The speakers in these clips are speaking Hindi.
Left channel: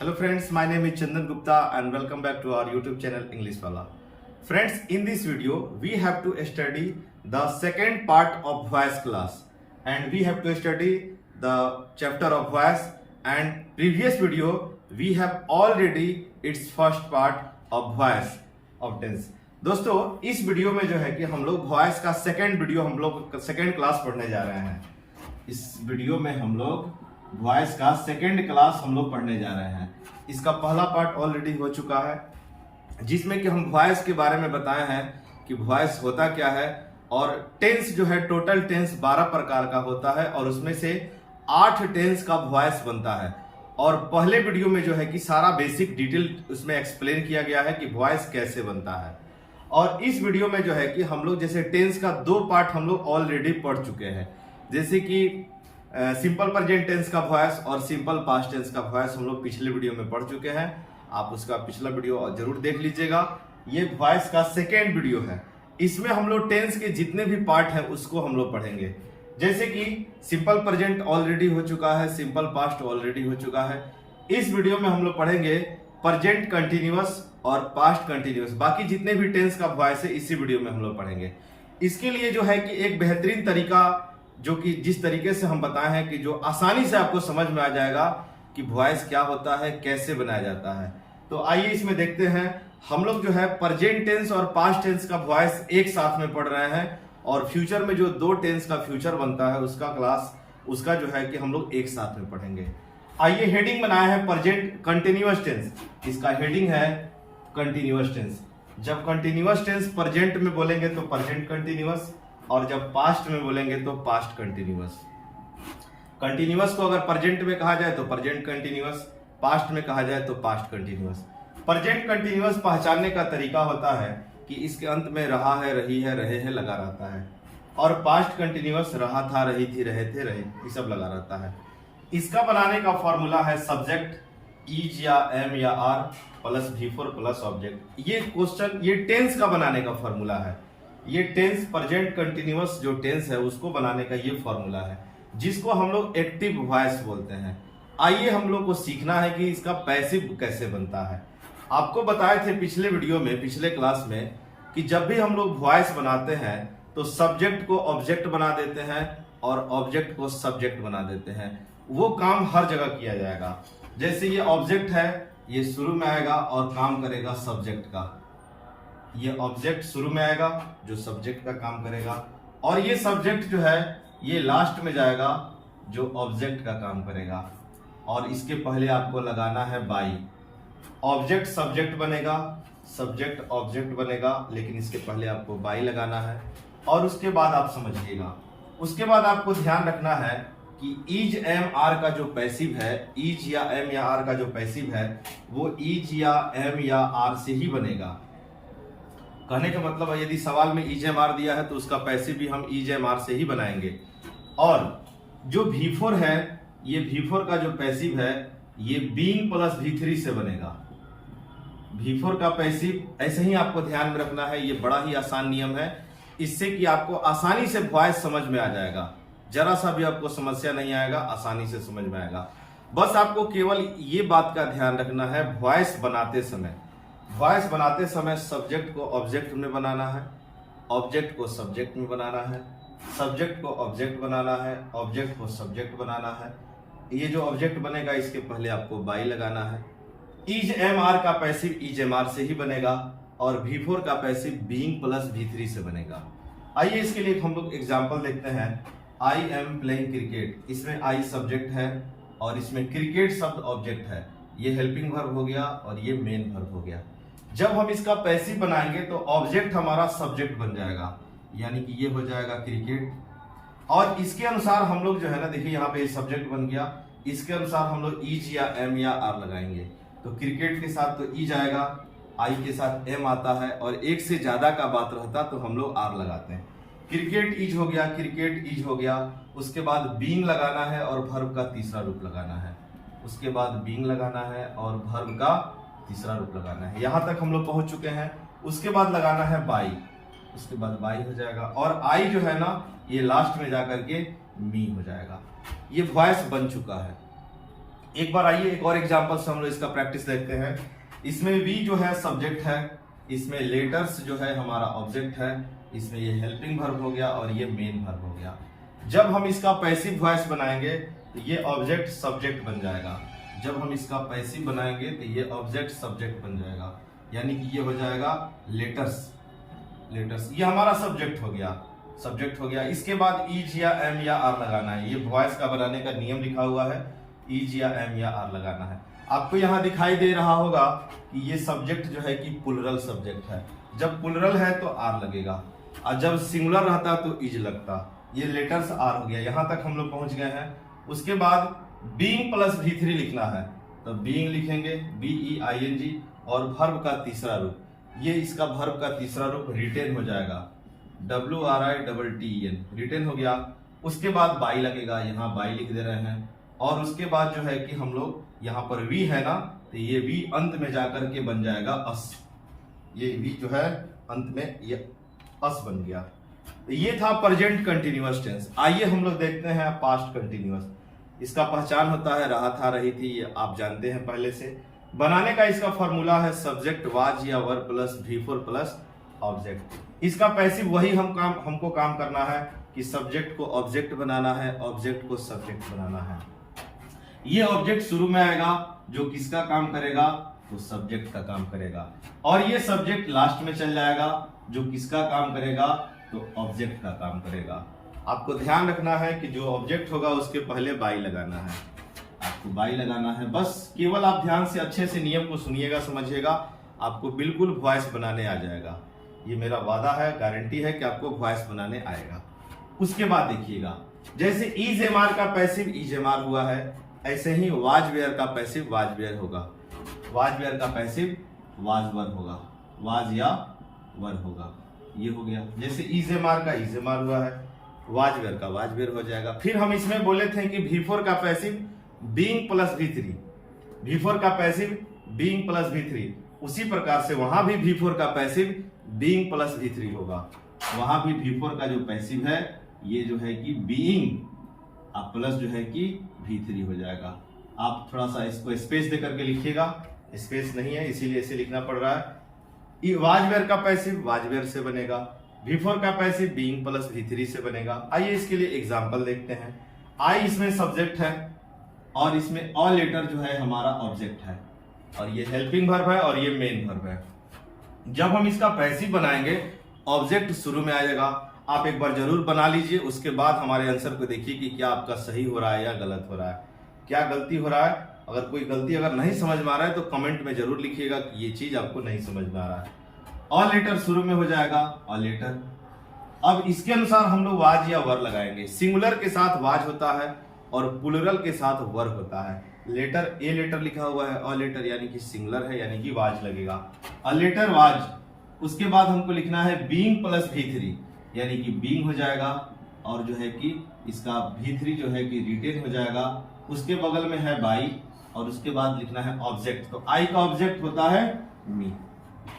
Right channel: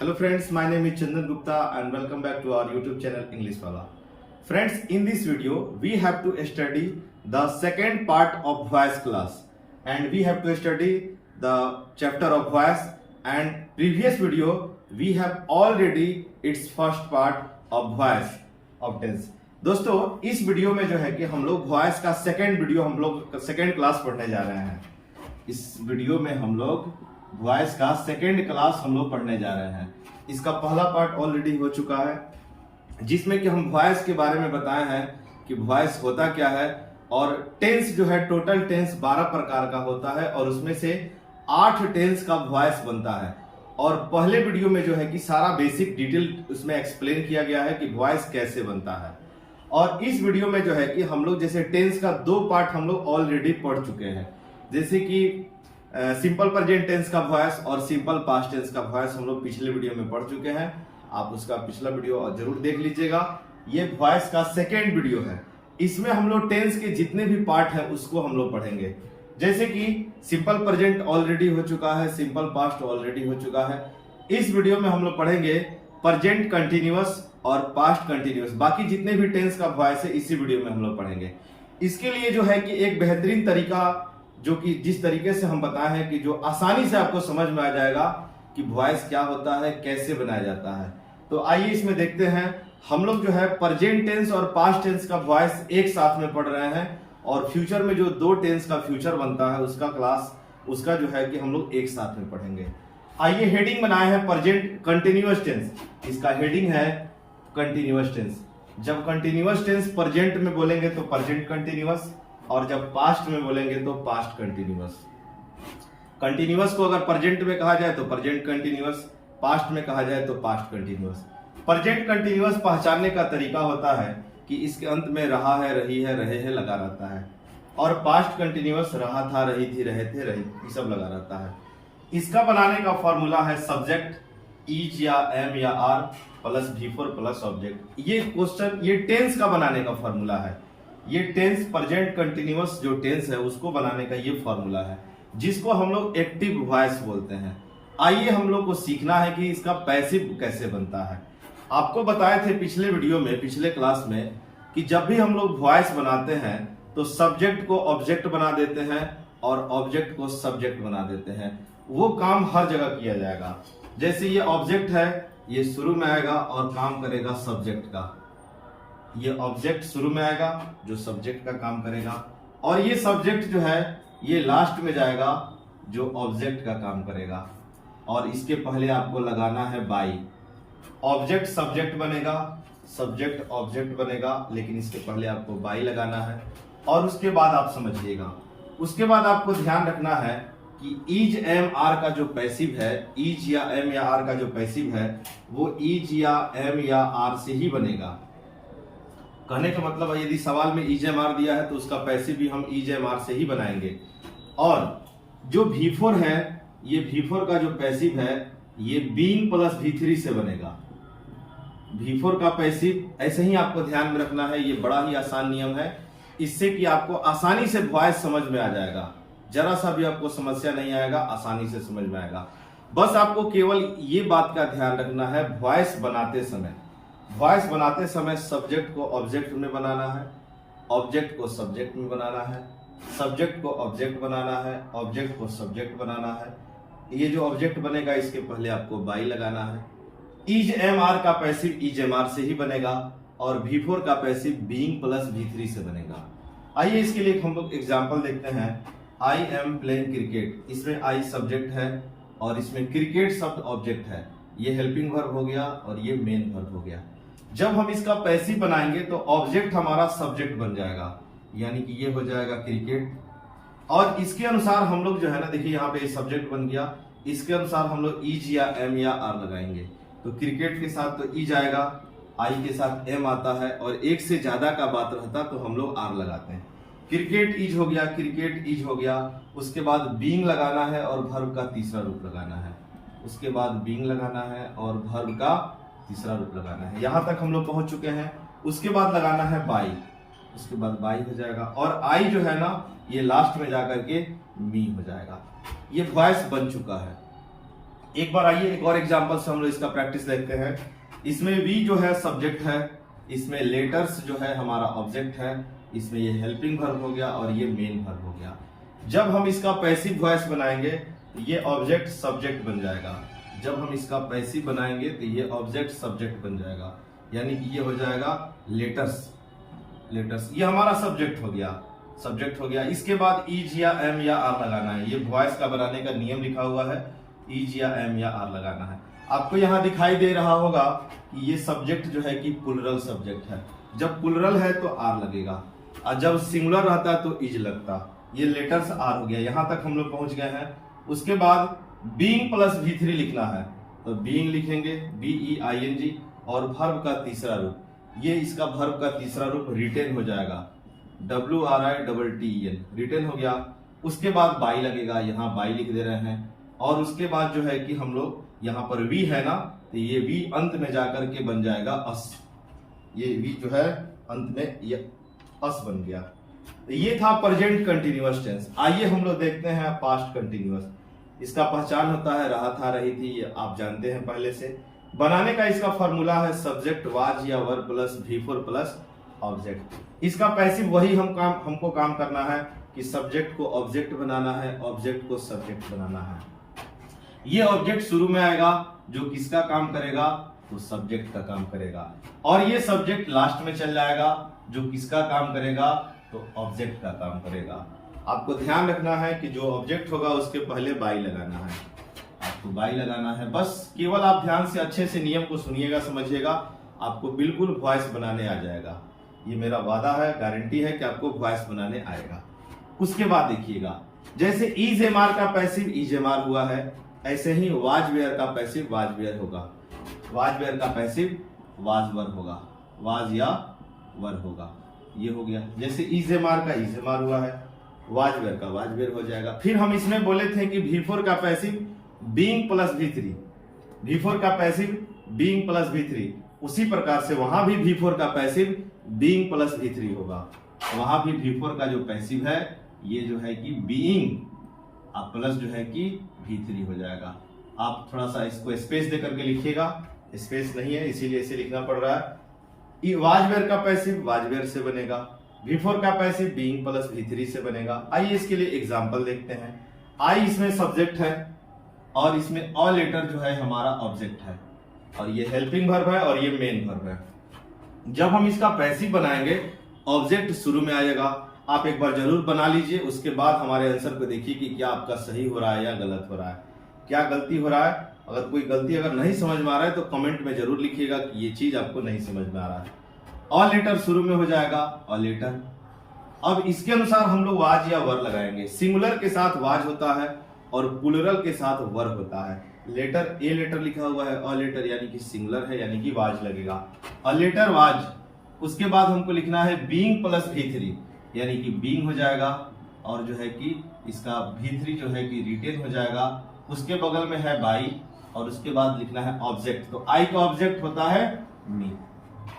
Hello friends, my name is Chandan Gupta and welcome back to our YouTube channel English Wala. Friends, in this video we have to study the second part of voice class and we have to study the chapter of voice, and previous video we have already its first part of voice of tense. दोस्तों इस वीडियो में जो है कि हम लोग वॉइस का सेकेंड क्लास पढ़ने जा रहे हैं। इस वीडियो में हम लोग वॉइस का सेकेंड क्लास हम लोग पढ़ने जा रहे हैं। इसका पहला पार्ट ऑलरेडी हो चुका है जिसमें कि हम वॉइस के बारे में बताए हैं कि वॉइस होता क्या है, और टेंस जो है टोटल टेंस 12 प्रकार का होता है और उसमें से 8 टेंस का वॉइस बनता है। और पहले वीडियो में जो है कि सारा बेसिक डिटेल उसमें एक्सप्लेन किया गया है कि वॉइस कैसे बनता है। और इस वीडियो में जो है कि हम लोग जैसे टेंस का 2 पार्ट हम लोग ऑलरेडी पढ़ चुके हैं, जैसे कि सिंपल प्रेजेंट टेंस का वॉइस और सिंपल पास्ट टेंस का वॉइस हम लोग पिछले वीडियो में पढ़ चुके हैं। आप उसका पिछला वीडियो जरूर देख लीजिएगा। ये वॉइस का सेकेंड वीडियो है। इसमें हम लोग टेंस के जितने भी पार्ट हैं उसको हम लोग पढ़ेंगे। जैसे कि सिंपल प्रेजेंट ऑलरेडी हो चुका है, सिंपल पास्ट ऑलरेडी हो चुका है। इस वीडियो में हम लोग पढ़ेंगे प्रेजेंट कंटिन्यूअस और पास्ट कंटिन्यूअस। बाकी जितने भी टेंस का वॉइस है इसी वीडियो में हम लोग पढ़ेंगे। इसके लिए जो है कि एक बेहतरीन तरीका, जो कि जिस तरीके से हम बताए हैं कि जो आसानी से आपको समझ में आ जाएगा कि वॉइस क्या होता है, कैसे बनाया जाता है। तो आइए इसमें देखते हैं। हम लोग जो है प्रेजेंट टेंस और पास्ट टेंस का वॉइस एक साथ में पढ़ रहे हैं, और फ्यूचर में जो 2 टेंस का फ्यूचर बनता है उसका क्लास, उसका जो है कि हम लोग एक साथ में पढ़ेंगे। आइए हेडिंग बनाए हैं प्रेजेंट कंटिन्यूअस टेंस। इसका हेडिंग है कंटिन्यूअस टेंस। जब कंटिन्यूअस टेंस प्रेजेंट में बोलेंगे तो प्रेजेंट कंटिन्यूअस, और जब पास्ट में बोलेंगे तो पास्ट कंटिन्यूअस। कंटिन्यूअस को अगर प्रेजेंट में कहा जाए तो प्रेजेंट कंटिन्यूअस, पास्ट में कहा जाए तो पास्ट कंटिन्यूअस। प्रेजेंट कंटिन्यूअस पहचानने का तरीका होता है कि इसके अंत में रहा है, रही है, रहे हैं लगा रहता है, और पास्ट कंटिन्यूअस रहा था, रही थी, रहे थे, रही, ये सब लगा रहता है। इसका बनाने का फॉर्मूला है सब्जेक्ट इज या एम या are plus V4 plus object. ये क्वेश्चन, ये टेंस का बनाने का फॉर्मूला है। ये टेंस प्रेजेंट कंटिन्यूअस जो टेंस है उसको बनाने का ये फॉर्मूला है, जिसको हम लोग एक्टिव वॉइस बोलते हैं। आइए हम लोग को सीखना है कि इसका पैसिव कैसे बनता है। आपको बताए थे पिछले वीडियो में, पिछले क्लास में, कि जब भी हम लोग वॉइस बनाते हैं तो सब्जेक्ट को ऑब्जेक्ट बना देते हैं और ऑब्जेक्ट को सब्जेक्ट बना देते हैं। वो काम हर जगह किया जाएगा। जैसे ये ऑब्जेक्ट है, ये शुरू में आएगा और काम करेगा सब्जेक्ट का। ये ऑब्जेक्ट शुरू में आएगा जो सब्जेक्ट का काम करेगा, और ये सब्जेक्ट जो है ये लास्ट में जाएगा जो ऑब्जेक्ट का काम करेगा। और इसके पहले आपको लगाना है बाई। ऑब्जेक्ट सब्जेक्ट बनेगा, सब्जेक्ट ऑब्जेक्ट बनेगा, लेकिन इसके पहले आपको बाई लगाना है। और उसके बाद आप समझिएगा, उसके बाद आपको ध्यान रखना है कि इज एम आर का जो पैसिव है, इज या एम या आर का जो पैसिव है वो इज या एम या आर से ही बनेगा। कहने का मतलब है यदि सवाल में इज एम आर दिया है तो उसका पैसिव भी हम इज एम आर से ही बनाएंगे। और जो V4 है, ये V4 का जो पैसिव है ये बीइंग प्लस V3 से बनेगा। V4 का पैसिव ऐसे ही आपको ध्यान में रखना है। ये बड़ा ही आसान नियम है, इससे कि आपको आसानी से वॉइस समझ में आ जाएगा। जरा सा भी आपको समस्या नहीं आएगा, आसानी से समझ में आएगा। बस आपको केवल ये बात का ध्यान रखना है, वॉइस बनाते समय सब्जेक्ट को ऑब्जेक्ट में बनाना है, ऑब्जेक्ट को सब्जेक्ट में बनाना है, सब्जेक्ट को ऑब्जेक्ट बनाना है, ऑब्जेक्ट को सब्जेक्ट बनाना है। ये जो ऑब्जेक्ट बनेगा इसके पहले आपको बाई लगाना है। इज एम आर का पैसिव इज एम आर से ही बनेगा, और V4 का पैसिव बीइंग प्लस V3 से बनेगा। आइए इसके लिए हम लोग एग्जाम्पल देखते हैं। आई एम प्लेइंग क्रिकेट, इसमें आई सब्जेक्ट है और इसमें क्रिकेट शब्द ऑब्जेक्ट है। ये हेल्पिंग वर्ब हो गया और ये मेन वर्ब हो गया। जब हम इसका पैसिव बनाएंगे तो ऑब्जेक्ट हमारा सब्जेक्ट बन जाएगा, यानी कि ये हो जाएगा क्रिकेट। और इसके अनुसार हम लोग जो है ना, देखिए यहाँ पे सब्जेक्ट बन गया, इसके अनुसार हम लोग इज या एम या आर लगाएंगे। तो क्रिकेट के साथ तो इज आएगा, आई के साथ एम आता है, और एक से ज्यादा का बात रहता तो हम लोग आर लगाते हैं। क्रिकेट इज हो गया, क्रिकेट इज हो गया। उसके बाद बीइंग लगाना है और वर्ब का तीसरा रूप लगाना है। उसके बाद बीइंग लगाना है और वर्ब का तीसरा रूप लगाना है। यहां तक हम लोग पहुंच चुके हैं। उसके बाद लगाना है बाई, उसके बाद बाई हो जाएगा, और आई जो है ना ये लास्ट में जाकर के मी हो जाएगा। ये वॉइस बन चुका है। एक बार आइए एक और एग्जांपल से हम लोग इसका प्रैक्टिस देखते हैं। इसमें वी जो है सब्जेक्ट है, इसमें लेटर्स जो है हमारा ऑब्जेक्ट है, इसमें ये हेल्पिंग वर्ब हो गया और ये मेन वर्ब हो गया। जब हम इसका पैसिव वॉइस बनाएंगे तो ये ऑब्जेक्ट सब्जेक्ट बन जाएगा। जब हम इसका पैसिव बनाएंगे तो ये ऑब्जेक्ट सब्जेक्ट बन जाएगा, यानी कि ये हो जाएगा लेटर्स। लेटर्स ये हमारा सब्जेक्ट हो गया, सब्जेक्ट हो गया। इसके बाद इज या एम या आर लगाना है। ये वॉइस का बनाने का नियम लिखा हुआ है, इज या एम या आर लगाना है। आपको यहाँ दिखाई दे रहा होगा कि ये सब्जेक्ट जो है कि प्लुरल सब्जेक्ट है। जब प्लुरल है तो आर लगेगा और जब सिंगुलर रहता तो इज लगता। ये लेटर्स आर हो गया, यहां तक हम लोग पहुंच गए हैं। उसके बाद बीइंग प्लस V3 लिखना है, तो बीइंग लिखेंगे BEING और वर्ब का तीसरा रूप, ये इसका वर्ब का तीसरा रूप रिटेन हो जाएगा, WRITTEN, रिटेन हो गया। उसके बाद बाई लगेगा, यहाँ बाई लिख दे रहे हैं। और उसके बाद जो है कि हम लोग यहाँ पर वी है ना, तो ये वी अंत में जाकर के बन जाएगा अस। ये वी जो है अंत में ये अस बन गया। तो ये था प्रेजेंट कंटिन्यूअस टेंस। आइए हम लोग देखते हैं पास्ट कंटिन्यूअस। इसका पहचान होता है रहा था, रही थी, ये आप जानते हैं पहले से। बनाने का इसका फॉर्मूला है सब्जेक्ट वाज या verb plus V4 plus object. इसका पैसिव वही हमको काम करना है कि सब्जेक्ट को ऑब्जेक्ट बनाना है, ऑब्जेक्ट को सब्जेक्ट बनाना है। ये ऑब्जेक्ट शुरू में आएगा जो किसका काम करेगा, तो सब्जेक्ट का काम करेगा। और ये सब्जेक्ट लास्ट में चल जाएगा जो किसका काम करेगा, तो ऑब्जेक्ट का काम करेगा। आपको ध्यान रखना है कि जो ऑब्जेक्ट होगा उसके पहले बाई लगाना है, आपको बाई लगाना है। बस केवल आप ध्यान से अच्छे से नियम को सुनिएगा, समझिएगा, आपको बिल्कुल वॉइस बनाने आ जाएगा। ये मेरा वादा है, गारंटी है कि आपको वॉइस बनाने आएगा। उसके बाद देखिएगा, जैसे इज एम आर का पैसिव इज एम आर हुआ है, ऐसे ही वाज वेयर का पैसिव वाज वेयर होगा, वाज वेयर का पैसिव वाज वर होगा, वाज या वर होगा। ये हो गया। जैसे इज एम आर का इज एम आर हुआ है, वाज वेयर का वाज वेयर हो जाएगा। फिर हम इसमें बोले थे कि V4 का passive being plus V3, V4 का पैसिव बीइंग प्लस V3, उसी प्रकार से वहां भी V4 का पैसिव बीइंग प्लस V3 होगा। वहां भी V4 का जो पैसिव है ये जो है कि बीइंग प्लस जो है कि V3 हो जाएगा। आप थोड़ा सा इसको स्पेस दे करके लिखिएगा, स्पेस नहीं है इसीलिए इसे लिखना पड़ रहा है। वाजवेयर का पैसिव वाजवेयर से बनेगा, V4 का पैसिव बीइंग प्लस V3 से बनेगा। आइए इसके लिए एग्जांपल देखते हैं। आई इसमें सब्जेक्ट है और इसमें ऑल लेटर जो है हमारा ऑब्जेक्ट है, और ये हेल्पिंग वर्ब है और ये मेन वर्ब है। जब हम इसका पैसिव बनाएंगे ऑब्जेक्ट शुरू में आएगा। आप एक बार जरूर बना लीजिए, उसके बाद हमारे आंसर को देखिए कि क्या आपका सही हो रहा है या गलत हो रहा है, क्या गलती हो रहा है। अगर कोई गलती अगर नहीं समझ में आ रहा है तो कमेंट में जरूर लिखिएगा कि ये चीज आपको नहीं समझ में आ रहा है। ऑल लेटर शुरू में हो जाएगा, ऑल लेटर। अब इसके अनुसार हम लोग वाज या वर लगाएंगे। सिंगुलर के साथ वाज होता है और प्लुरल के साथ वर होता है। लेटर ए लेटर लिखा हुआ है, ऑल लेटर यानी कि सिंगुलर है, यानी कि वाज लगेगा, ऑल लेटर वाज। उसके बाद हमको लिखना है बीइंग प्लस V3, यानी कि बीइंग हो जाएगा और जो है कि इसका V3 जो है कि रिटेन हो जाएगा। उसके बगल में है बाई और उसके बाद लिखना है ऑब्जेक्ट। तो आई का ऑब्जेक्ट होता है मी।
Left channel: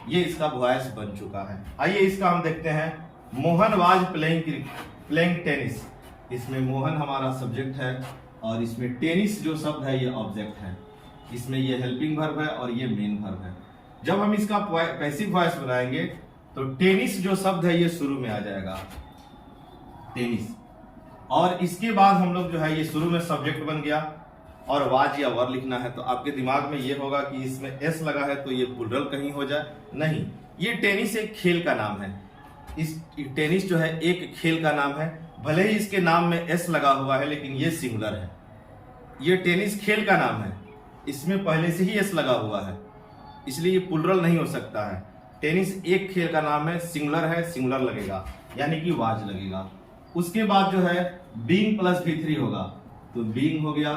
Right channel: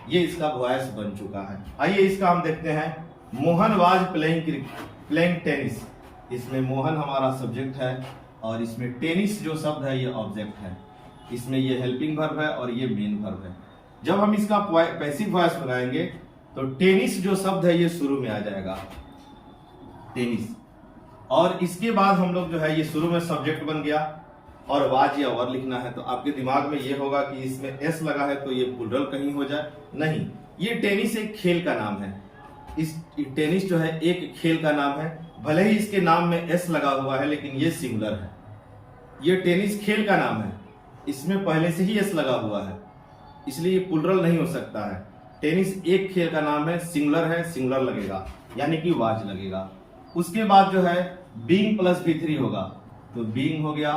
ये इसका वॉइस बन चुका है। आइए इसका हम देखते हैं। Mohan was playing tennis. इसमें मोहन हमारा सब्जेक्ट है और इसमें टेनिस जो शब्द है ये ऑब्जेक्ट है। इसमें ये हेल्पिंग वर्ब है और ये मेन वर्ब है। जब हम इसका पैसिव वॉइस बनाएंगे तो टेनिस जो शब्द है ये शुरू में आ जाएगा, टेनिस। और इसके बाद हम लोग जो है ये शुरू में सब्जेक्ट बन गया और वाज या वर लिखना है। तो आपके दिमाग में ये होगा कि इसमें एस लगा है तो ये प्लुरल कहीं हो जाए, नहीं, ये टेनिस एक खेल का नाम है। इस टेनिस जो है एक खेल का नाम है, भले ही इसके नाम में एस लगा हुआ है लेकिन ये सिंगुलर है। ये टेनिस खेल का नाम है, इसमें पहले से ही एस लगा हुआ है, इसलिए ये प्लुरल नहीं हो सकता है। टेनिस एक खेल का नाम है, सिंगुलर है, सिंगुलर लगेगा यानी कि वाज लगेगा। उसके बाद जो है बीइंग प्लस V3 होगा, तो बीइंग हो गया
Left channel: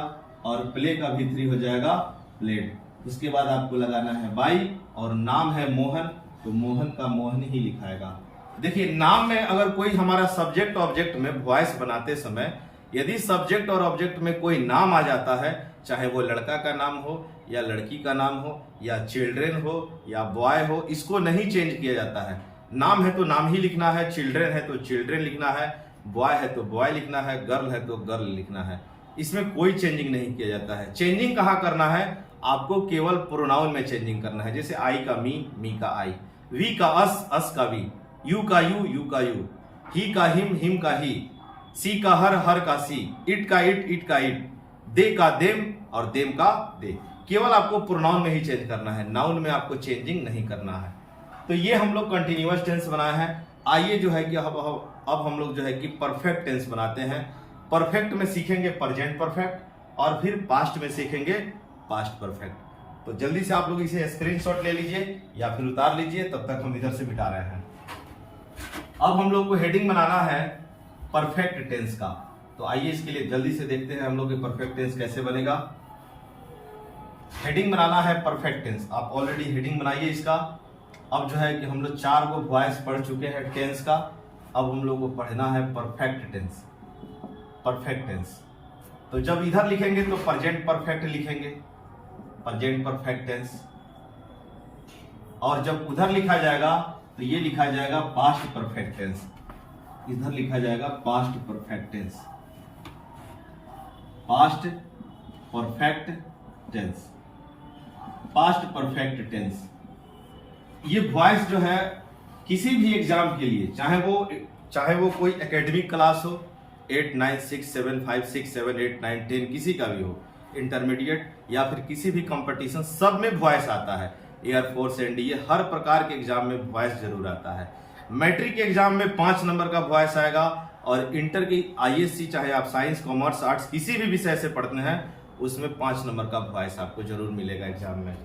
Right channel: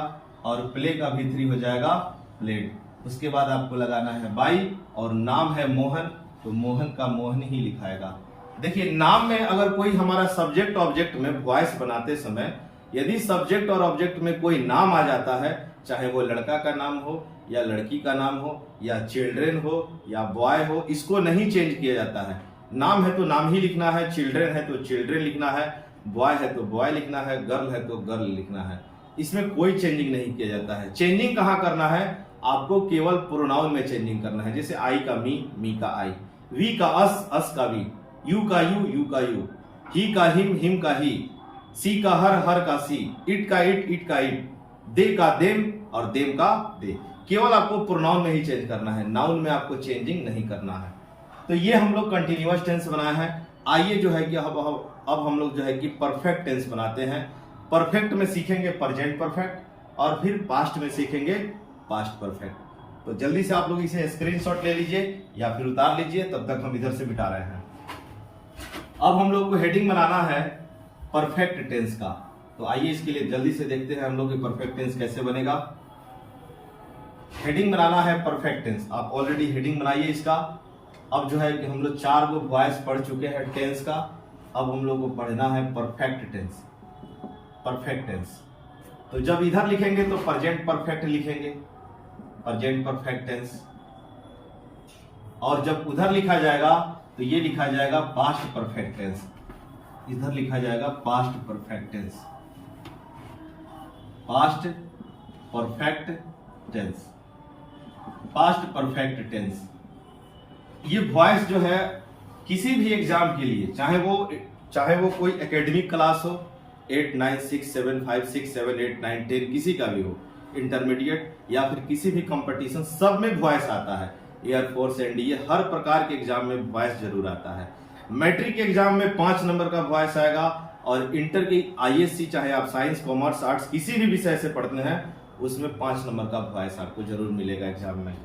और प्ले का V3 हो जाएगा प्लेड। उसके बाद आपको लगाना है बाई और नाम है मोहन, तो मोहन का मोहन ही लिखाएगा। देखिए नाम में अगर कोई हमारा सब्जेक्ट ऑब्जेक्ट में वॉइस बनाते समय यदि सब्जेक्ट और ऑब्जेक्ट में कोई नाम आ जाता है, चाहे वो लड़का का नाम हो या लड़की का नाम हो या चिल्ड्रेन हो या बॉय हो, इसको नहीं चेंज किया जाता है। नाम है तो नाम ही लिखना है, चिल्ड्रेन है तो चिल्ड्रेन लिखना है, बॉय है तो बॉय लिखना है, गर्ल है तो गर्ल लिखना है। इसमें कोई चेंजिंग नहीं किया जाता है। चेंजिंग कहाँ करना है, आपको केवल प्रोनाउन में चेंजिंग करना है। जैसे आई का मी का आई, वी का अस का वी, यू का यू का यू, ही का हिम का ही, सी का हर का सी, इट का इट का इट, दे का देम और देम का दे। केवल आपको प्रोनाउन में ही चेंज करना है, नाउन में आपको चेंजिंग नहीं करना है। तो ये हम लोग कंटिन्यूअस टेंस बनाए हैं। आइए जो है कि अब हम लोग जो है कि परफेक्ट टेंस बनाते हैं। परफेक्ट में सीखेंगे प्रेजेंट परफेक्ट और फिर पास्ट में सीखेंगे पास्ट परफेक्ट। तो जल्दी से आप लोग इसे स्क्रीनशॉट ले लीजिए या फिर उतार लीजिए, तब तक हम इधर से मिटा रहे हैं। अब हम लोग को हेडिंग बनाना है परफेक्ट टेंस का। तो आइए इसके लिए जल्दी से देखते हैं हम लोग परफेक्ट टेंस कैसे बनेगा। हेडिंग बनाना है परफेक्ट टेंस। आप ऑलरेडी हेडिंग बनाइए इसका। अब जो है कि हम लोग 4 को वॉइस पढ़ चुके हैं टेंस का, अब हम लोग को पढ़ना है परफेक्ट टेंस। परफेक्ट टेंस तो जब इधर लिखेंगे तो प्रेजेंट परफेक्ट लिखेंगे, प्रेजेंट परफेक्ट टेंस, और जब उधर लिखा जाएगा तो ये लिखा जाएगा पास्ट परफेक्ट टेंस। इधर लिखा जाएगा past perfect tense, past perfect tense, past perfect tense. ये वॉइस जो है किसी भी एग्जाम के लिए, चाहे वो कोई एकेडमिक क्लास हो, 8, 9, 6, 7, 5, 6, 7, 8, 9, 10 किसी का भी हो, इंटरमीडिएट या फिर किसी भी कंपटीशन, सब में वॉइस आता है। एयरफोर्स एनडीए हर प्रकार के एग्जाम में वॉइस जरूर आता है। मैट्रिक के एग्जाम में 5 नंबर का वॉइस आएगा, और इंटर की आईएससी चाहे आप साइंस कॉमर्स आर्ट्स किसी भी विषय से पढ़ते हैं उसमें 5 नंबर का वॉइस आपको जरूर मिलेगा एग्जाम में।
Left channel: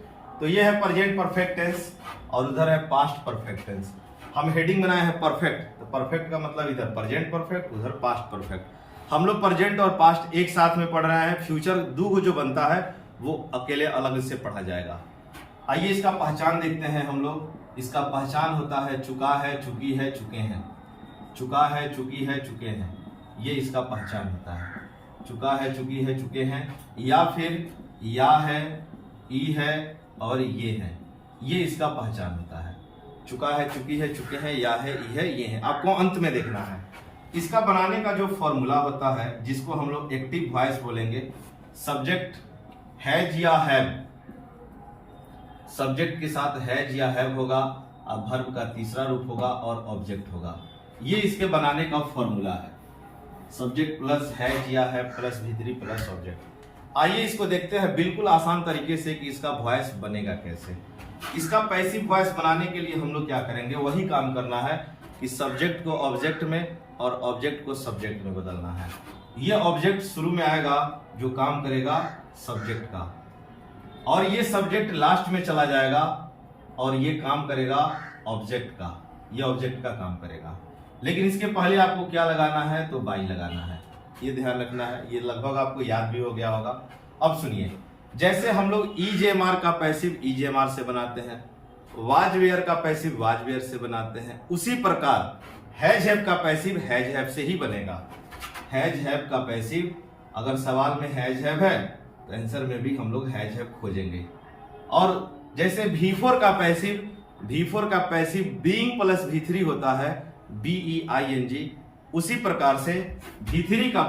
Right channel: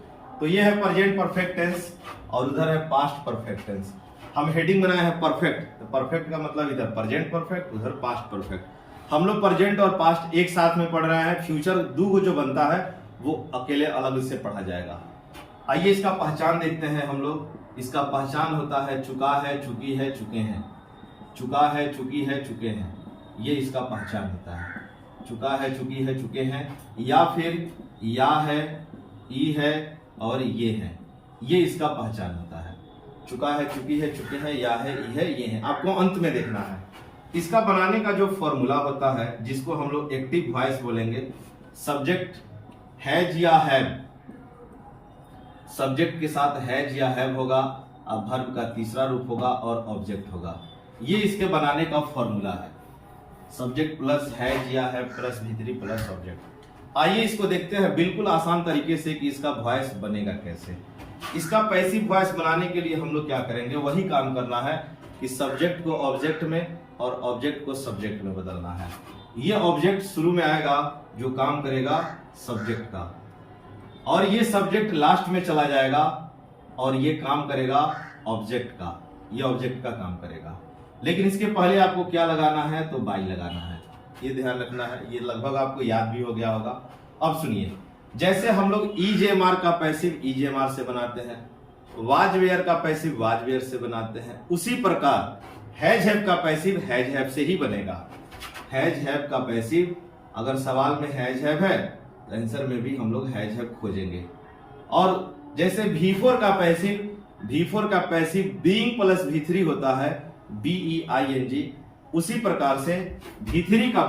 तो ये है प्रेजेंट परफेक्ट टेंस और उधर है पास्ट परफेक्ट टेंस। हम हेडिंग बनाए हैं परफेक्ट, तो परफेक्ट का मतलब इधर प्रेजेंट परफेक्ट, उधर पास्ट परफेक्ट। हम लोग प्रेजेंट और पास्ट एक साथ में पढ़ रहे हैं। फ्यूचर दो जो बनता है वो अकेले अलग से पढ़ा जाएगा। आइए इसका पहचान देखते हैं हम लोग। इसका पहचान होता है चुका है, चुकी है, चुके हैं। चुका है, चुकी है, चुके हैं, ये इसका पहचान होता है। चुका है, चुकी है, चुके हैं, या फिर या है, ई है और ये है, ये इसका पहचान होता है। चुका है, चुकी है, चुके हैं, या है, ई है, ये है, आपको अंत में देखना है। इसका बनाने का जो फॉर्मूला होता है जिसको हम लोग एक्टिव वॉइस बोलेंगे, सब्जेक्ट हैज या हैव, सब्जेक्ट के साथ हैज या हैव होगा, अब वर्ब का तीसरा रूप होगा और ऑब्जेक्ट होगा। ये इसके बनाने का फॉर्मूला है, सब्जेक्ट प्लस हैज या हैव प्लस भीतरी प्लस ऑब्जेक्ट। आइए इसको देखते हैं बिल्कुल आसान तरीके से कि इसका वॉइस बनेगा कैसे। इसका पैसिव वॉइस बनाने के लिए हम लोग क्या करेंगे, वही काम करना है कि सब्जेक्ट को ऑब्जेक्ट में और ऑब्जेक्ट को सब्जेक्ट में बदलना है। ये ऑब्जेक्ट शुरू में आएगा जो काम करेगा सब्जेक्ट का, और ये सब्जेक्ट लास्ट में चला जाएगा और ये काम करेगा ऑब्जेक्ट का, ये ऑब्जेक्ट का काम करेगा। लेकिन इसके पहले आपको क्या लगाना है, तो बाई लगाना है, ये ध्यान रखना है। ये लगभग आपको याद भी हो गया होगा। अब सुनिए, जैसे हम लोग ईजेएमआर का पैसिव ईजेएमआर से बनाते हैं, वाज वेयर का पैसिव वाज वेयर से बनाते हैं, उसी प्रकार हैज हैव का पैसिव हैज हैव से ही बनेगा। हैज हैव का पैसिव, अगर सवाल में हैज हैव है तो आंसर में भी हम लोग हैज हैव खोजेंगे। और जैसे V4 का पैसिव बीइंग प्लस V3 होता है, BEING, उसी प्रकार से V3 का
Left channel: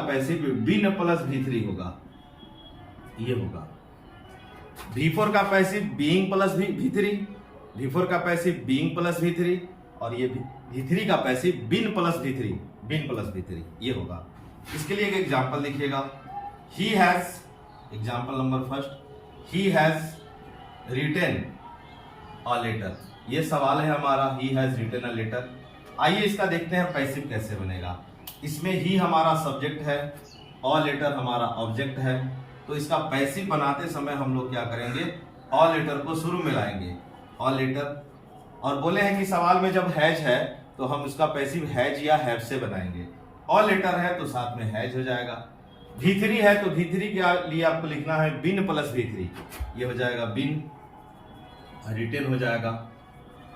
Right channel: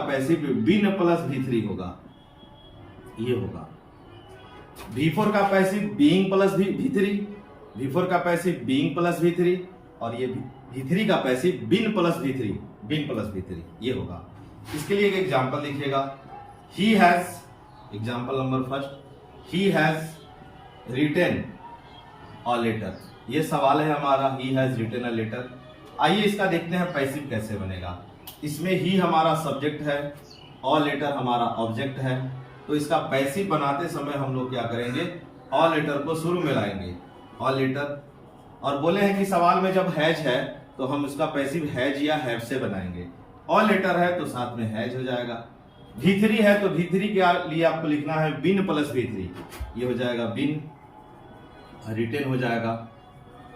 पैसिव बीन प्लस V3 होगा, ये होगा। V4 का passive being plus V3, V4 का पैसिव बीइंग प्लस V3, और ये V3 का पैसिव बीन प्लस V3, ये होगा। इसके लिए एक एग्जांपल लिखिएगा। He has, example number first, he has written a letter, ये सवाल है हमारा, he has written a letter. आइए इसका देखते हैं पैसिव कैसे बनेगा। इसमें ही हमारा सब्जेक्ट है, अ लेटर हमारा ऑब्जेक्ट है, तो इसका पैसिव बनाते समय हम लोग क्या करेंगे, अ लेटर को शुरू में लाएंगे, अ लेटर, और बोले हैं कि सवाल में जब हैज है तो हम उसका पैसिव हैज या हैव से बनाएंगे। अ लेटर है तो साथ में हैज हो जाएगा। V3 है तो V3 के लिए आपको लिखना है बिन प्लस V3, ये हो जाएगा बिन, रिटन हो जाएगा।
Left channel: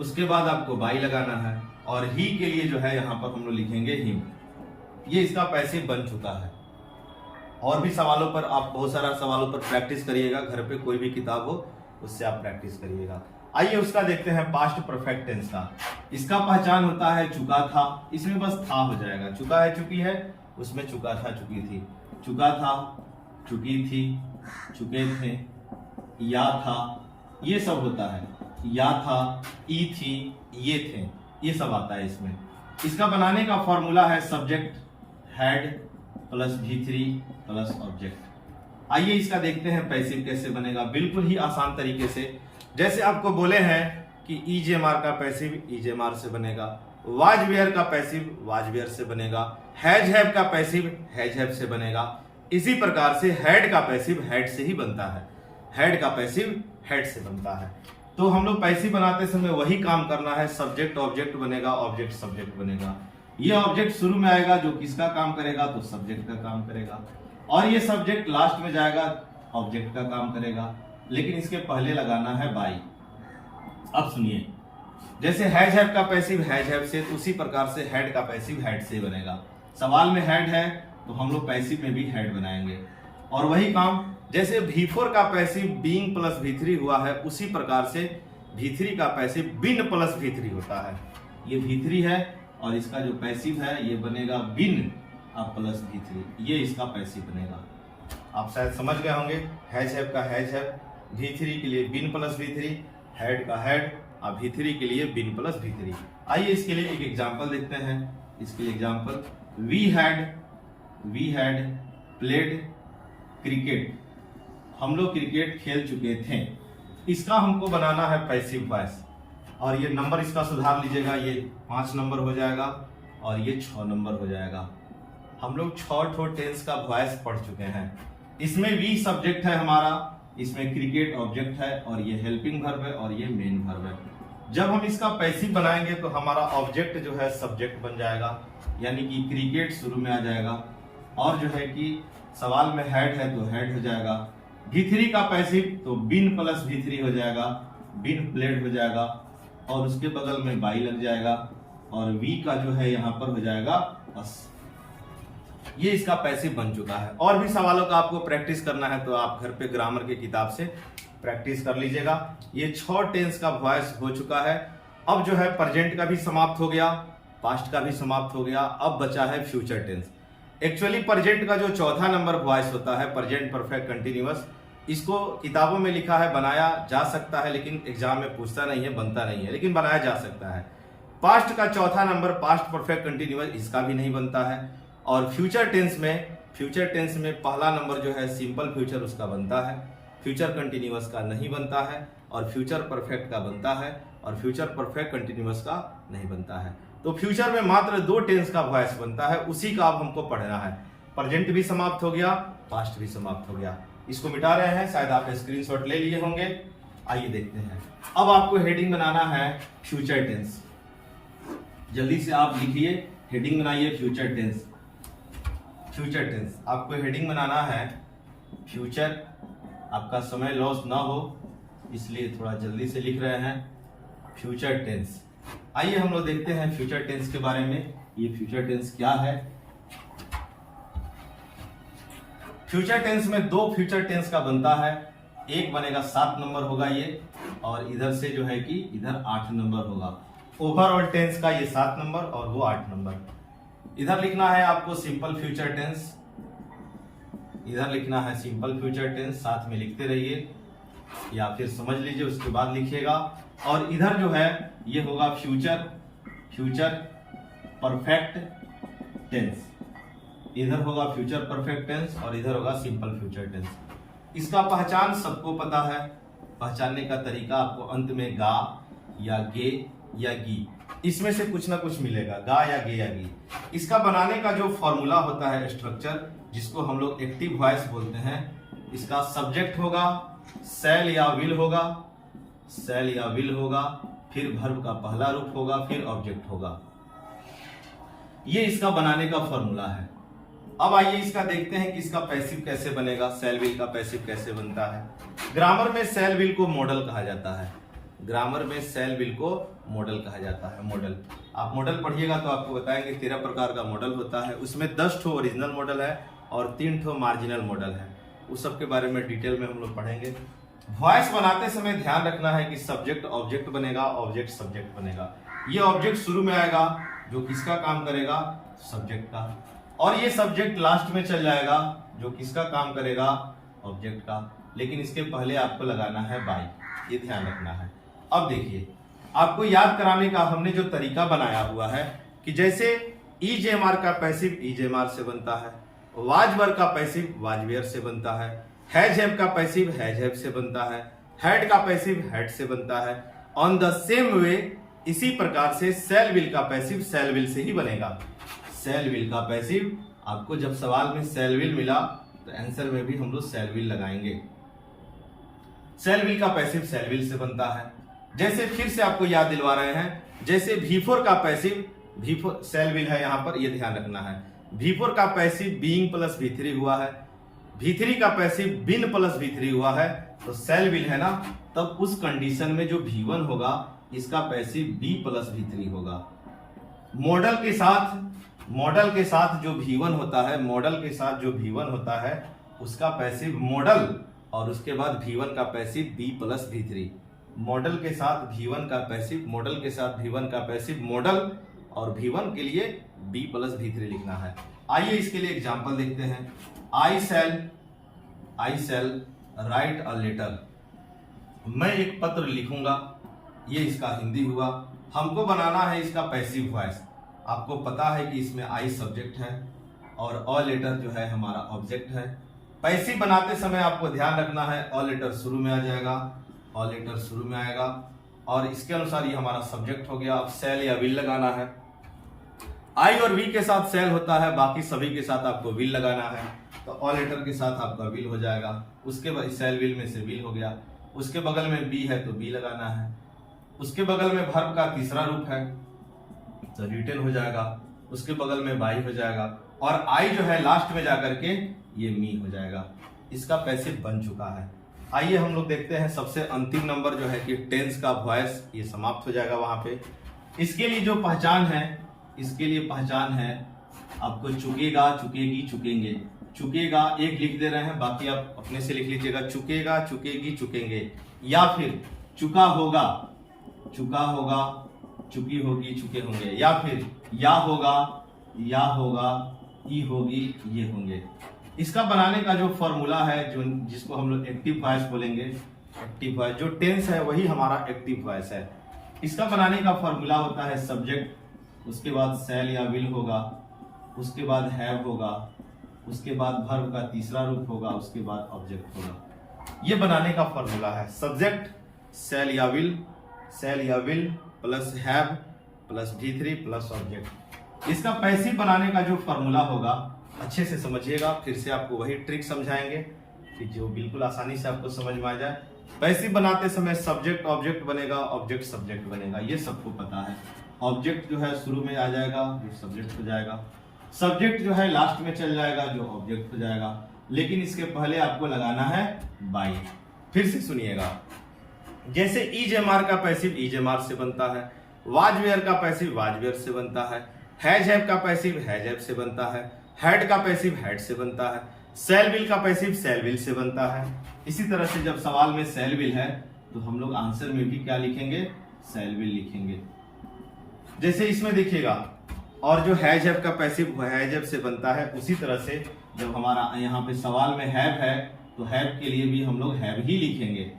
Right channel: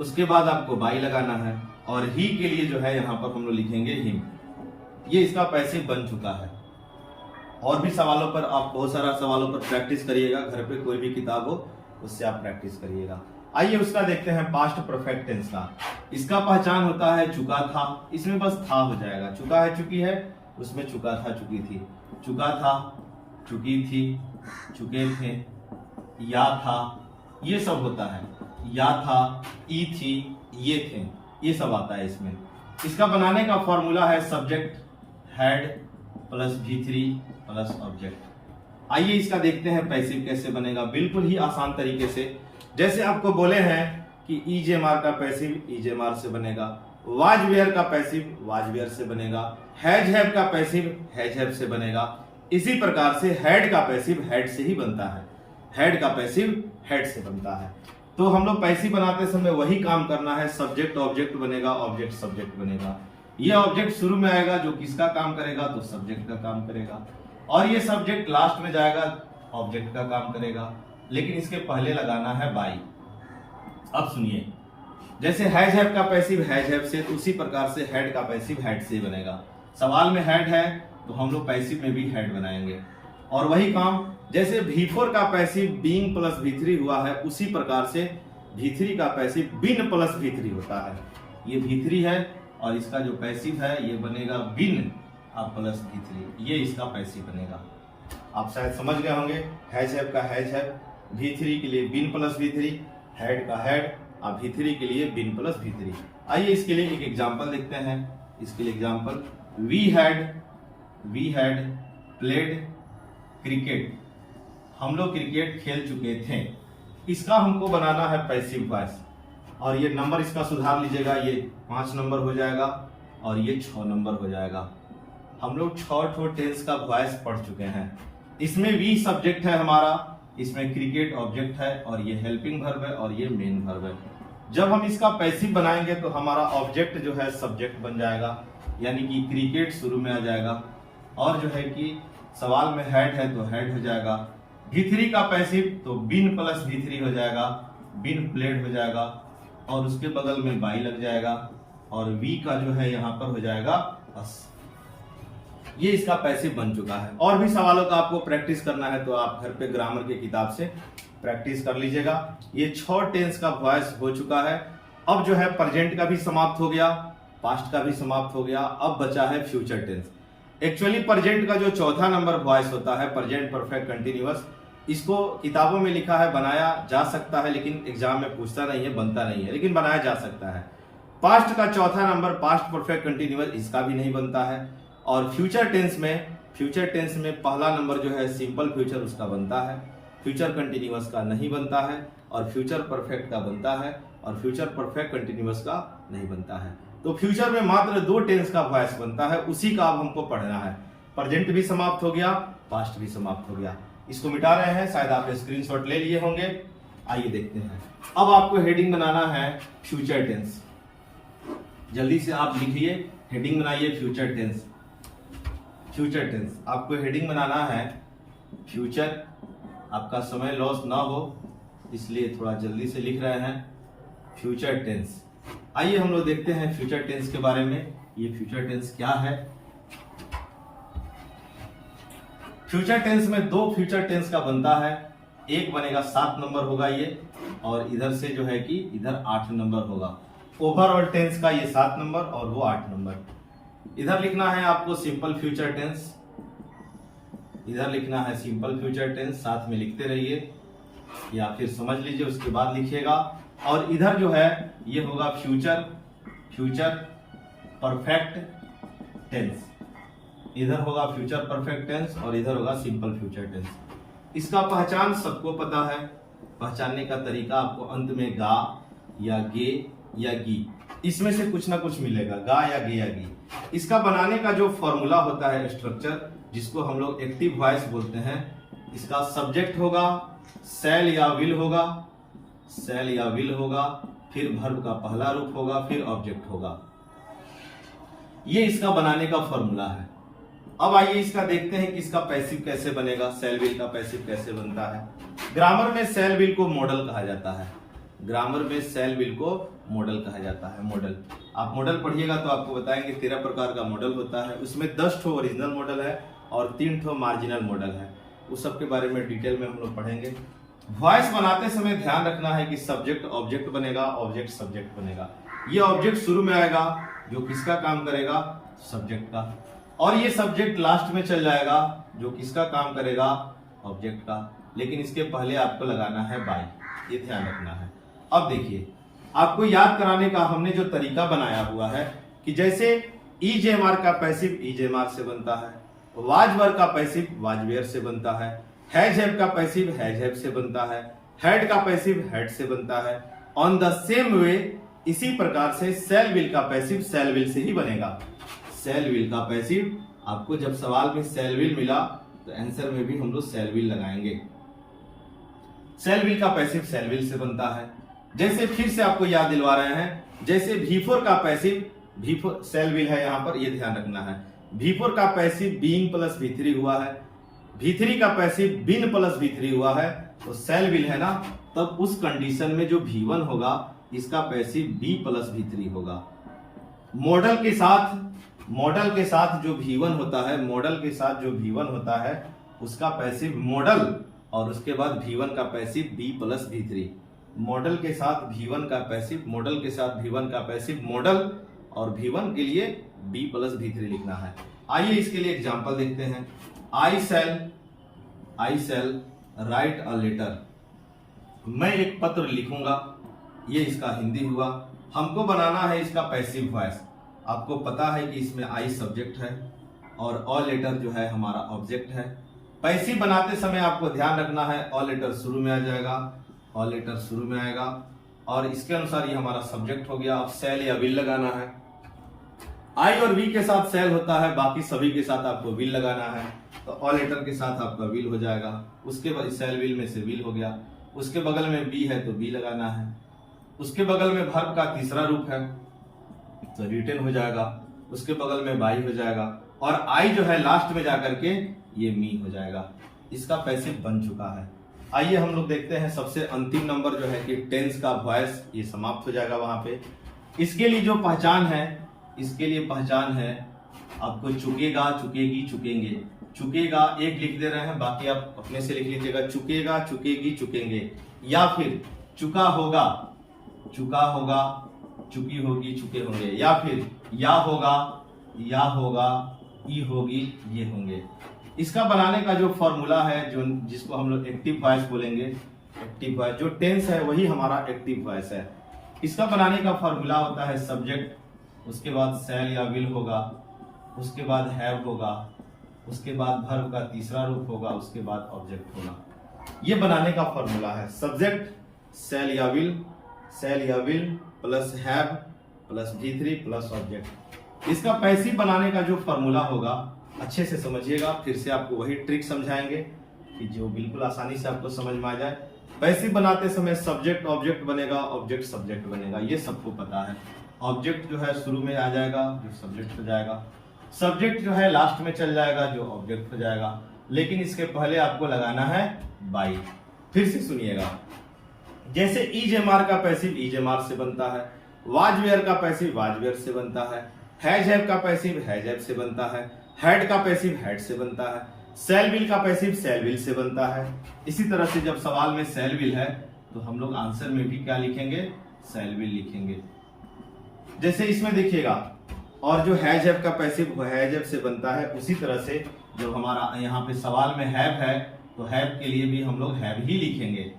उसके बाद आपको बाई लगाना है, और ही के लिए जो है यहाँ पर हम लोग लिखेंगे हिम। ये इसका पैसिव बन चुका है। और भी सवालों पर आप बहुत सारा सवालों पर प्रैक्टिस करिएगा, घर पे कोई भी किताब हो उससे आप प्रैक्टिस करिएगा। आइए उसका देखते हैं पास्ट परफेक्ट टेंस का। इसका पहचान होता है चुका था, इसमें बस था हो जाएगा, चुका है, चुकी है, उसमें चुका था, चुकी थी, चुका था, चुकी थी, चुके थे, या था, ये सब होता है। या था, ई थी, ये थे, ये सब आता है इसमें। इसका बनाने का फॉर्मूला है subject had plus V3 plus object. आइए इसका देखते हैं पैसिव कैसे बनेगा, बिल्कुल ही आसान तरीके से। जैसे आपको बोले हैं कि ईजेएमआर का पैसिव ईजेएमआर से बनेगा, वाज वेयर का पैसिव वाज वेयर से बनेगा, हैज हैव का पैसिव हैज हैव से बनेगा। इसी प्रकार से हैड का पैसिव हैड से ही बनता है, हैड का पैसिव हैड से बनता है। तो हम लोग पैसिव बनाते समय वही काम करना है, सब्जेक्ट ऑब्जेक्ट बनेगा, ऑब्जेक्ट सब्जेक्ट बनेगा। ये ऑब्जेक्ट शुरू में आएगा जो किसका काम करेगा, तो सब्जेक्ट का काम करेगा, और ये सब्जेक्ट लास्ट में जाएगा, ऑब्जेक्ट का काम करेगा। लेकिन इसके पहले लगाना है बाई। अब सुनिए, जैसे हैज हैव का पैसिव हैज हैव से, तो उसी प्रकार से हैड का पैसिव हैड से बनेगा। सवाल में हैड है तो हम लोग पैसिव में भी हैड बनाएंगे। और वही काम जैसे V4 का पैसिव बीइंग प्लस V3 हुआ है, उसी प्रकार से V3 का पैसिव बिन प्लस V3 होता है। ये V3 है और इसका जो पैसिव है ये बनेगा बिन अब प्लस V3, ये इसका पैसिव बनेगा। आप शायद समझ गए होंगे, हैज हैव का हैज हैव, V3 के लिए बिन प्लस V3, हैड का हैड और V3 के लिए बिन प्लस V3। आइए इसके लिए एक एग्जांपल देखते हैं। इसके लिए example, we had played cricket, हम लोग क्रिकेट खेल चुके थे। इसका हमको बनाना है पैसिव वॉइस, और ये नंबर इसका सुधार लीजिएगा, ये 5 नंबर हो जाएगा और ये 6 नंबर हो जाएगा। हम लोग 6 टेंस का वॉइस पढ़ चुके हैं। इसमें वी सब्जेक्ट है हमारा, इसमें क्रिकेट ऑब्जेक्ट है, और ये हेल्पिंग वर्ब है और ये मेन वर्ब है। जब हम इसका पैसिव बनाएंगे तो हमारा ऑब्जेक्ट जो है सब्जेक्ट बन जाएगा, यानी कि क्रिकेट शुरू में आ जाएगा, और जो है कि सवाल में हैड है तो हैड हो जाएगा। V3 का पैसिव तो बिन प्लस V3 हो जाएगा, बिन प्लेड हो जाएगा, और उसके बगल में बाई लग जाएगा, और वी का जो है यहाँ पर हो जाएगा अस। ये इसका पैसिव बन चुका है। और भी सवालों का आपको प्रैक्टिस करना है तो आप घर पे ग्रामर की किताब से प्रैक्टिस कर लीजिएगा। ये 6 टेंस का वॉइस हो चुका है। अब जो है प्रेजेंट का भी समाप्त हो गया, पास्ट का भी समाप्त हो गया, अब बचा है फ्यूचर टेंस। एक्चुअली प्रेजेंट का जो चौथा नंबर वॉइस होता है, प्रेजेंट परफेक्ट कंटिन्यूअस, इसको किताबों में लिखा है बनाया जा सकता है, लेकिन एग्जाम में पूछता नहीं है, बनता नहीं है, लेकिन बनाया जा सकता है। पास्ट का चौथा नंबर पास्ट परफेक्ट कंटिन्यूअस, इसका भी नहीं बनता है। और फ्यूचर टेंस में पहला नंबर जो है सिंपल फ्यूचर, उसका बनता है, फ्यूचर कंटिन्यूअस का नहीं बनता है, और फ्यूचर परफेक्ट का बनता है, और फ्यूचर परफेक्ट कंटिन्यूअस का नहीं बनता है। तो फ्यूचर में मात्र 2 टेंस का वॉइस बनता है, उसी का अब हमको पढ़ना है। प्रेजेंट भी समाप्त हो गया, पास्ट भी समाप्त हो गया। इसको मिटा रहे हैं, शायद आप स्क्रीनशॉट ले लिए होंगे। आइए देखते हैं। अब आपको हेडिंग बनाना है फ्यूचर टेंस। जल्दी से आप लिखिए, हेडिंग बनाइए फ्यूचर टेंस। फ्यूचर टेंस आपको हेडिंग बनाना है फ्यूचर। आपका समय लॉस ना हो इसलिए थोड़ा जल्दी से लिख रहे हैं, फ्यूचर टेंस। आइए हम लोग देखते हैं फ्यूचर टेंस के बारे में। ये फ्यूचर टेंस क्या है? फ्यूचर टेंस में 2 फ्यूचर टेंस का बनता है। एक बनेगा 7 नंबर होगा ये, और इधर से जो है कि इधर 8 नंबर होगा। ओवरऑल टेंस का ये 7 नंबर और वो 8 नंबर। इधर लिखना है आपको सिंपल फ्यूचर टेंस, इधर लिखना है सिंपल फ्यूचर टेंस, साथ में लिखते रहिए या फिर समझ लीजिए उसके बाद लिखिएगा। और इधर जो है ये होगा फ्यूचर परफेक्ट टेंस, इधर होगा फ्यूचर परफेक्ट टेंस और इधर होगा सिंपल फ्यूचर टेंस। इसका पहचान सबको पता है, पहचानने का तरीका आपको अंत में गा या गे या गी, इसमें से कुछ ना कुछ मिलेगा, गा या गे या गी। इसका बनाने का जो फॉर्मूला होता है, स्ट्रक्चर, जिसको हम लोग एक्टिव वॉइस बोलते हैं, इसका सब्जेक्ट होगा, शैल या विल होगा, शैल या विल होगा, फिर वर्ब का पहला रूप होगा, फिर ऑब्जेक्ट होगा। ये इसका बनाने का फॉर्मूला है। अब आइए इसका देखते हैं कि इसका पैसिव कैसे बनेगा, शैल विल का पैसिव कैसे बनता है। ग्रामर में शैल विल को मॉडल कहा जाता है, ग्रामर में शैल विल को मॉडल कहा जाता है। मॉडल, आप मॉडल पढ़िएगा तो आपको बताएंगे 13 प्रकार का मॉडल होता है। उसमें 10 ठो ओरिजिनल मॉडल है और 3 ठो मार्जिनल मॉडल है। उस सब के बारे में डिटेल में हम लोग पढ़ेंगे। वॉइस बनाते समय ध्यान रखना है कि सब्जेक्ट ऑब्जेक्ट बनेगा, ऑब्जेक्ट सब्जेक्ट बनेगा। ये ऑब्जेक्ट शुरू में आएगा जो किसका काम करेगा, सब्जेक्ट का, और ये सब्जेक्ट लास्ट में चल जाएगा, जो किसका काम करेगा, ऑब्जेक्ट का। लेकिन इसके पहले आपको लगाना है बाई, ये ध्यान रखना है। अब देखिए, आपको याद कराने का हमने जो तरीका बनाया हुआ है कि जैसे ईजेएमआर का पैसिव ईजेएमआर से बनता है, वाज वर्ब का पैसिव वाज वेयर से बनता है, हैज हैव का पैसिव हैज हैव से बनता है, हैड का पैसिव हैड से बनता है। ऑन द सेम वे इसी प्रकार से सेल विल का पैसिव सेल विल से ही बनेगा। सेल विल का पैसिव, आपको जब सवाल में सेल विल मिला तो आंसर में भी हम लोग सेल विल लगाएंगे। सेल विल का पैसिव सेल विल से बनता है। जैसे फिर से आपको याद दिलवा रहे हैं, जैसे V4 का पैसिव, V4 सेल विल है, यहां पर ये ध्यान रखना है। V4 का पैसिव बीइंग प्लस V3 हुआ है, V3 का पैसिव बिन प्लस V3 हुआ है, तो सेल विल है ना, तब उस कंडीशन में जो V1 होगा इसका पैसिव B प्लस V3 होगा। मॉडल के साथ जो V1 होता है, मॉडल के साथ जो V1 होता है उसका पैसिव मॉडल, और उसके बाद V1 का passive B plus V3। Model के साथ V1 का पैसिव, मॉडल के साथ V1 का पैसिव मॉडल, और V1 के लिए B प्लस V3 लिखना है। आइए इसके लिए एग्जांपल देखते हैं। आई सेल राइट अ लेटर, मैं एक पत्र लिखूंगा, ये इसका हिंदी हुआ। हमको बनाना है इसका पैसिव वॉइस। आपको पता है कि इसमें आई सब्जेक्ट है और अ लेटर जो है हमारा ऑब्जेक्ट है। पैसिव बनाते समय आपको ध्यान रखना है अ लेटर शुरू में आ जाएगा, अ लेटर शुरू में आएगा, और इसके अनुसार ये हमारा सब्जेक्ट हो गया। अब सेल या विल लगाना है। आई और वी के साथ सेल होता है, बाकी सभी के साथ आपको विल लगाना है, तो अ लेटर के साथ आपका विल हो जाएगा। उसके बाद सेल विल में से विल हो गया। उसके बगल में बी है तो बी लगाना है। उसके बगल में वर्ब का तीसरा रूप है तो रिटन हो जाएगा। उसके बगल में बाई हो जाएगा, और आई जो है लास्ट में जाकर के ये मी हो जाएगा। इसका पैसिव बन चुका है। आइए हम लोग देखते हैं सबसे अंतिम नंबर जो है कि टेंस का वॉइस, ये समाप्त हो जाएगा वहां पे। इसके लिए जो पहचान है, इसके लिए पहचान है आपको चुकेगा, चुकेगी, चुकेंगे। चुकेगा एक लिख दे रहे हैं, बाकी आप अपने से लिख लीजिएगा। चुकेगा, चुकेगी, चुकेंगे, या फिर चुका होगा, चुका होगा, चुकी होगी, चुके होंगे, या फिर या होगा, ई होगी, ये होंगे। इसका बनाने का जो फॉर्मूला है, जो जिसको हम लोग एक्टिव वॉइस बोलेंगे, एक्टिव वॉइस, जो टेंस है वही हमारा एक्टिव वॉइस है। इसका बनाने का फॉर्मूला होता है सब्जेक्ट, उसके बाद सेल या विल होगा, उसके बाद हैव होगा, उसके बाद वर्ब का तीसरा रूप होगा, उसके बाद ऑब्जेक्ट होगा। ये बनाने का फॉर्मूला है सब्जेक्ट सेल या will plus have plus V3 plus object. इसका पैसिव बनाने का जो फॉर्मूला होगा अच्छे से समझिएगा। फिर से आपको वही ट्रिक समझाएंगे कि जो बिल्कुल आसानी से आपको समझ में आ जाए। पैसिव बनाते समय सब्जेक्ट ऑब्जेक्ट बनेगा, ऑब्जेक्ट सब्जेक्ट बनेगा, ये सबको पता है। ऑब्जेक्ट जो है शुरू में आ जाएगा, जो सब्जेक्ट हो जाएगा। सब्जेक्ट जो है लास्ट में चल जाएगा, जो ऑब्जेक्ट हो जाएगा। लेकिन इसके पहले आपको लगाना है बाई। फिर से सुनिएगा, जैसे ईजेएमआर का पैसिव ईजेएमआर से बनता है, वाज वेयर का पैसिव वाज वेयर से बनता है, हैज हैव का पैसिव हैज हैव से बनता है, हैड का पैसिव हैड से बनता है, सेल विल का पैसिव सेल विल से बनता है। इसी तरह से जब सवाल में सेल विल है तो हम लोग आंसर में भी क्या लिखेंगे, सेल विल लिखेंगे। जैसे इसमें देखिएगा, और जो हैज हैव का पैसिव हैज हैव से बनता है, उसी तरह से जब हमारा यहाँ पे सवाल में हैव है तो हैव के लिए भी हम लोग हैव ही लिखेंगे।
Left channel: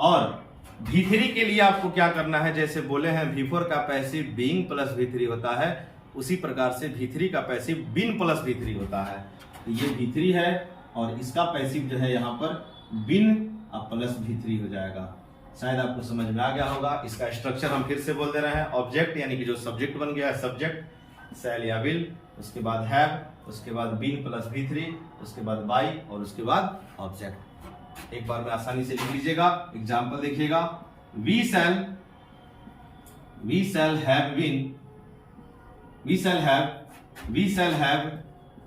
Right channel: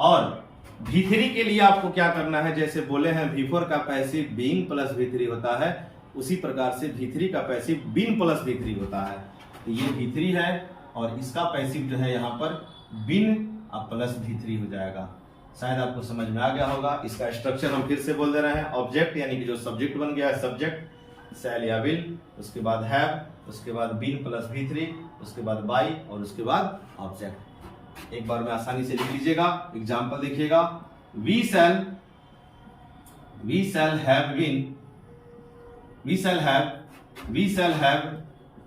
और V3 के लिए आपको क्या करना है, जैसे बोले हैं V4 का पैसिव बीइंग प्लस V3 होता है, उसी प्रकार से V3 का पैसिव बिन प्लस V3 होता है। तो ये V3 है और इसका पैसिव जो है यहाँ पर बिन प्लस V3 हो जाएगा। शायद आपको समझ में आ गया होगा। इसका स्ट्रक्चर हम फिर से बोल दे रहे हैं। ऑब्जेक्ट यानी कि जो सब्जेक्ट बन गया है सब्जेक्ट सेल या विल, उसके बाद हैव, उसके बाद बिन प्लस V3, उसके बाद बाई, और उसके बाद ऑब्जेक्ट। एक बार में आसानी से लिख लीजिएगा। एग्जांपल देखिएगा, we shall have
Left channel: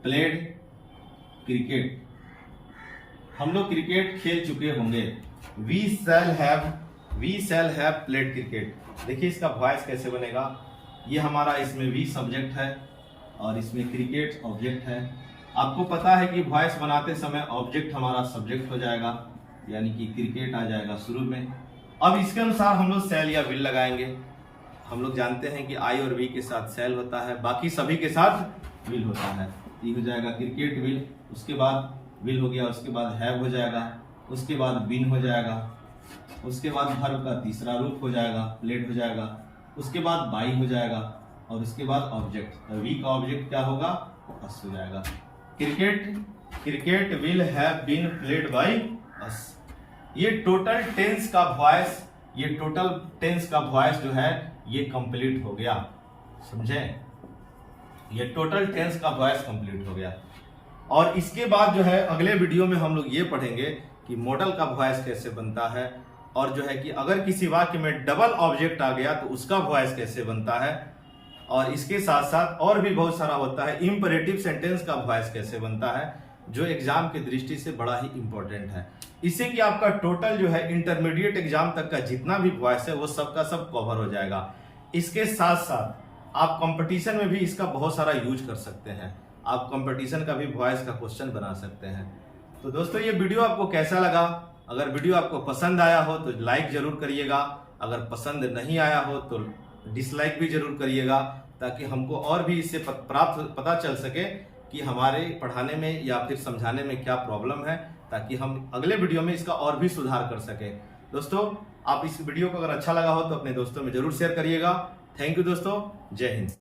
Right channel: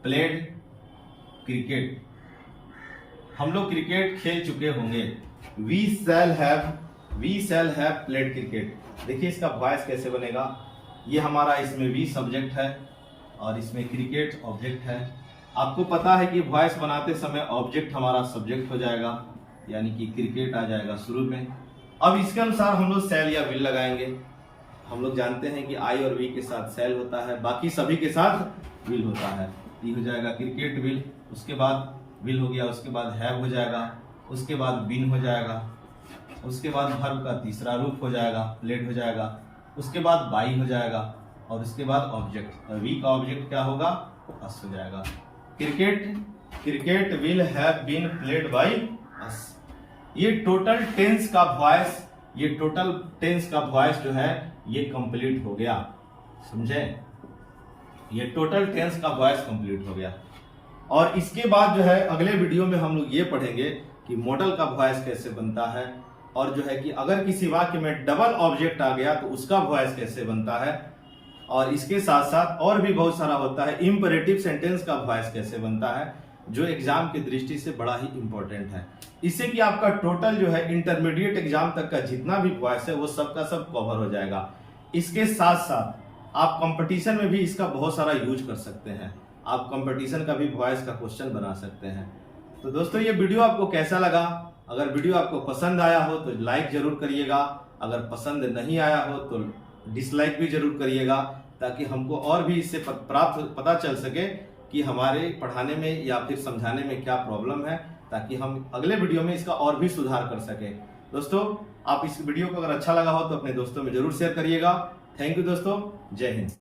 played cricket. हम लोग क्रिकेट खेल चुके होंगे। We shall have played cricket. देखिए इसका वॉइस कैसे बनेगा। ये हमारा इसमें वी सब्जेक्ट है और इसमें क्रिकेट ऑब्जेक्ट है। आपको पता है कि वॉइस बनाते समय ऑब्जेक्ट हमारा सब्जेक्ट हो जाएगा, यानी कि क्रिकेट आ जाएगा शुरू में। अब इसके अनुसार हम लोग सेल या विल लगाएंगे। हम लोग जानते हैं कि आई और वी के साथ सेल होता है, बाकी सभी के साथ विल होता है। ये हो जाएगा क्रिकेट विल, उसके बाद विल हो गया, उसके बाद हैव हो जाएगा, उसके बाद बीन हो जाएगा, उसके बाद वर्ब का तीसरा रूप हो जाएगा प्लेड हो जाएगा, उसके बाद बाई हो जाएगा और उसके बाद ऑब्जेक्ट, वी का ऑब्जेक्ट क्या होगा, अस हो जाएगा। Cricket will have been played by us. ये टोटल टेंस का वॉइस जो है ये कंप्लीट हो गया, समझे, ये टोटल टेंस का वॉइस कंप्लीट हो गया। और इसके बाद जो है अगले वीडियो में हम लोग ये पढ़ेंगे कि मॉडल का वॉइस कैसे बनता है, और जो है कि अगर किसी वाक्य में डबल ऑब्जेक्ट आ गया तो उसका वॉइस कैसे बनता है, और इसके साथ साथ और भी बहुत सारा होता है। इंपरेटिव सेंटेंस का वॉइस कैसे बनता है, जो एग्जाम की दृष्टि से बड़ा ही इंपॉर्टेंट है। इससे कि आपका टोटल जो है इंटरमीडिएट एग्जाम तक का जितना भी वॉइस है वो सबका सब कवर हो जाएगा। इसके साथ साथ आप कंपटीशन में भी इसका बहुत सारा यूज कर सकते हैं, आप कंपटीशन का भी वॉइस का क्वेश्चन बना सकते हैं। तो दोस्तों ये वीडियो आपको कैसा लगा? अगर वीडियो आपको पसंद आया हो तो लाइक जरूर करिएगा, अगर पसंद नहीं आया हो तो डिसलाइक भी जरूर करिएगा, ताकि हमको और भी इससे पता चल सके कि हमारे पढ़ाने में या फिर समझाने में क्या प्रॉब्लम है, ताकि हम अगले वीडियो में इसका और भी सुधार कर सके। दोस्तों आप इस वीडियो को अगर अच्छा लगा हो तो अपने दोस्तों में जरूर शेयर करिएगा। थैंक यू दोस्तों, जय हिंद।